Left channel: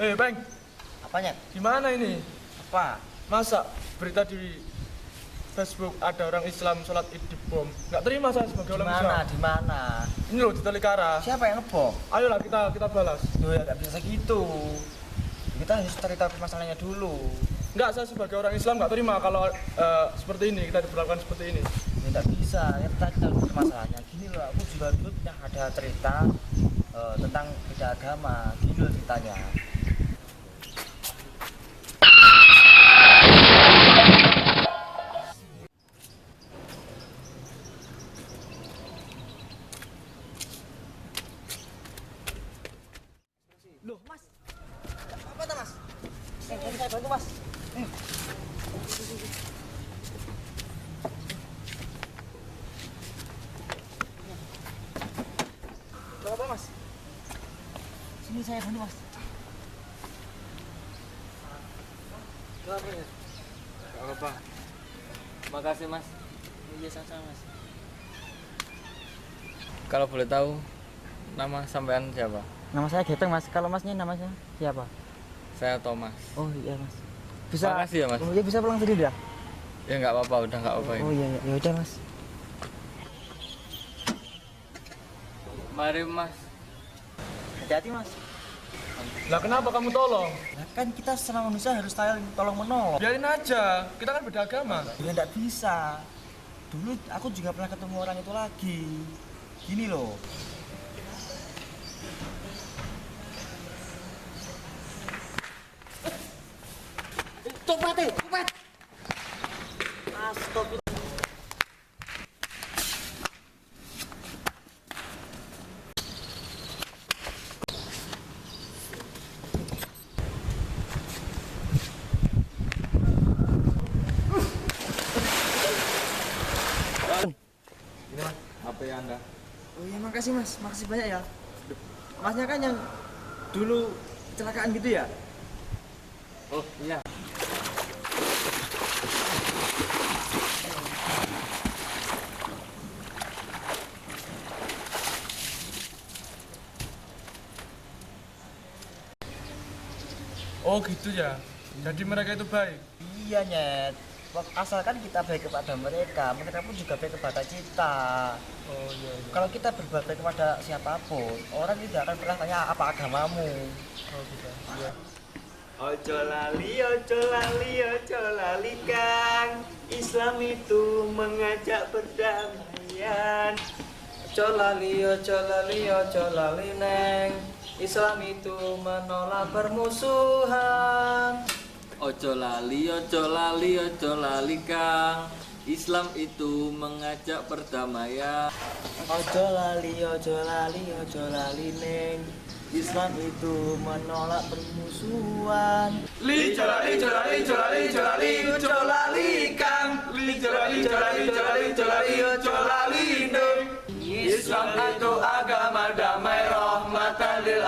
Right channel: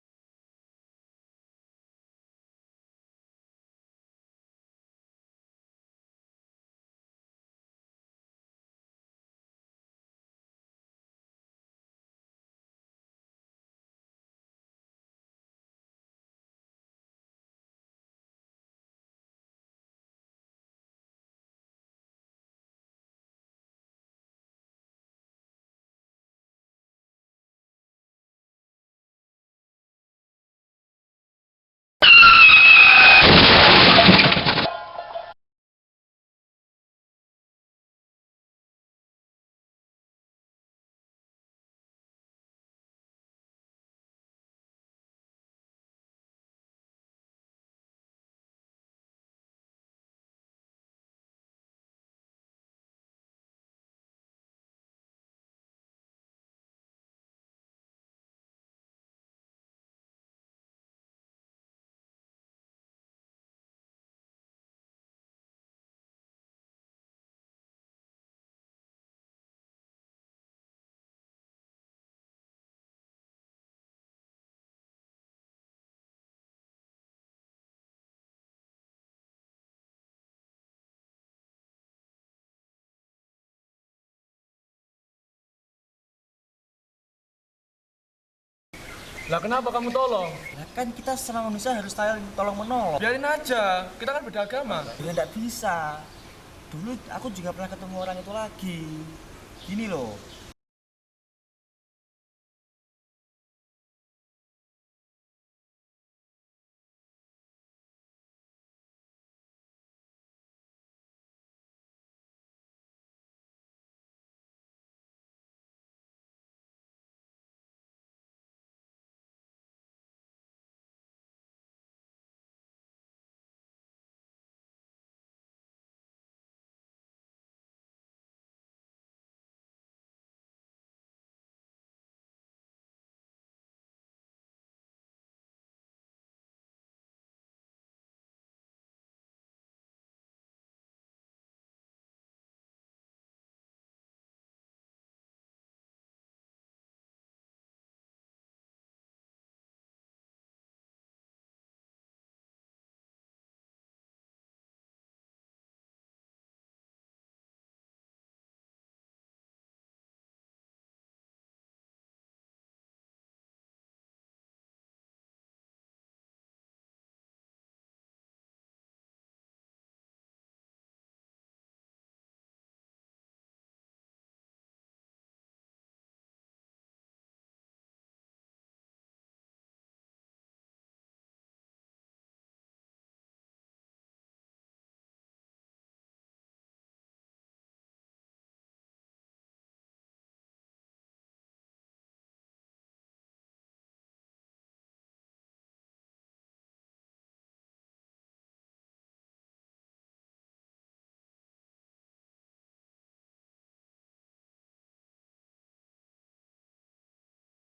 Bang, Apanya? gimana ini? Apa? Masa berita di Facebook ada orang Islam sholat id di bom? Nggak terima saya sebagai orang Islam. Di mana? Ini loh di Tolikara. Siapa yang ngebom? Ayolah kita balas. Loh ya nggak bisa gitu. Kita harus cerita masalahnya dulu. Nggak, saya sebagai orang Islam nggak terima kalau seperti ini, kita diperlakukan seperti ini. Ya nggak bisa. Ya kita dulu masalahnya. Gini loh, aku juga dulu pernah ada cerita tentang beda agama. Gini loh ceritanya. Loh mas, apa tuh mas? Saya bantu mas. Berapa mas? Sini saya bantu mas. Berapa ya? Gak apa-apa. Makasih mas. Iya sama-sama mas. Kalau boleh tahu nama sampean siapa? Nama saya Geteng mas. Kalau masnya namanya siapa? Saya Thomas. Oh iya mas. Bisa. Makasih ya mas. Oh iya bisa pulang sendiri dah. Ya nggak apa-apa, udah nggak apa-apa Oh ini. iya ya udah mas. Mari mas. Hati-hati mas. Lah kenapa kamu tolong? Nah, kan kita selama manusia harus saling tolong menolong. Biarin aja, kita kan beda agama. Ya enggak bisa. Dulu aku juga pernah ketemu orang itu lagi. Gini loh. Copet. Astagfirullah. Ini mas, HP anda. Oh iya makasih mas, makasih banyak ya. Masnya kan yang dulu kecelakaan gitu ya? Oh iya. Oh gitu ya. Jadi mereka itu baik. Iya nyet. Asalkan kita baik kepada mereka pun juga baik kepada kita. Oh iya. Kalau kita berbuat baik kepada siapapun, orang tidak akan pernah tanya apa agamamu. Oh gitu. Iya. Ojo lali Kang, Islam itu mengajak perdamaian. Ojo lali neng. Islam itu menolak permusuhan. Ojo lali kang. Islam itu mengajak perdamaian. Ojo lali neng. Islam itu menolak permusuhan. Ojo lali kang. Ojo lali neng. Islam itu agama damai rahmatan lil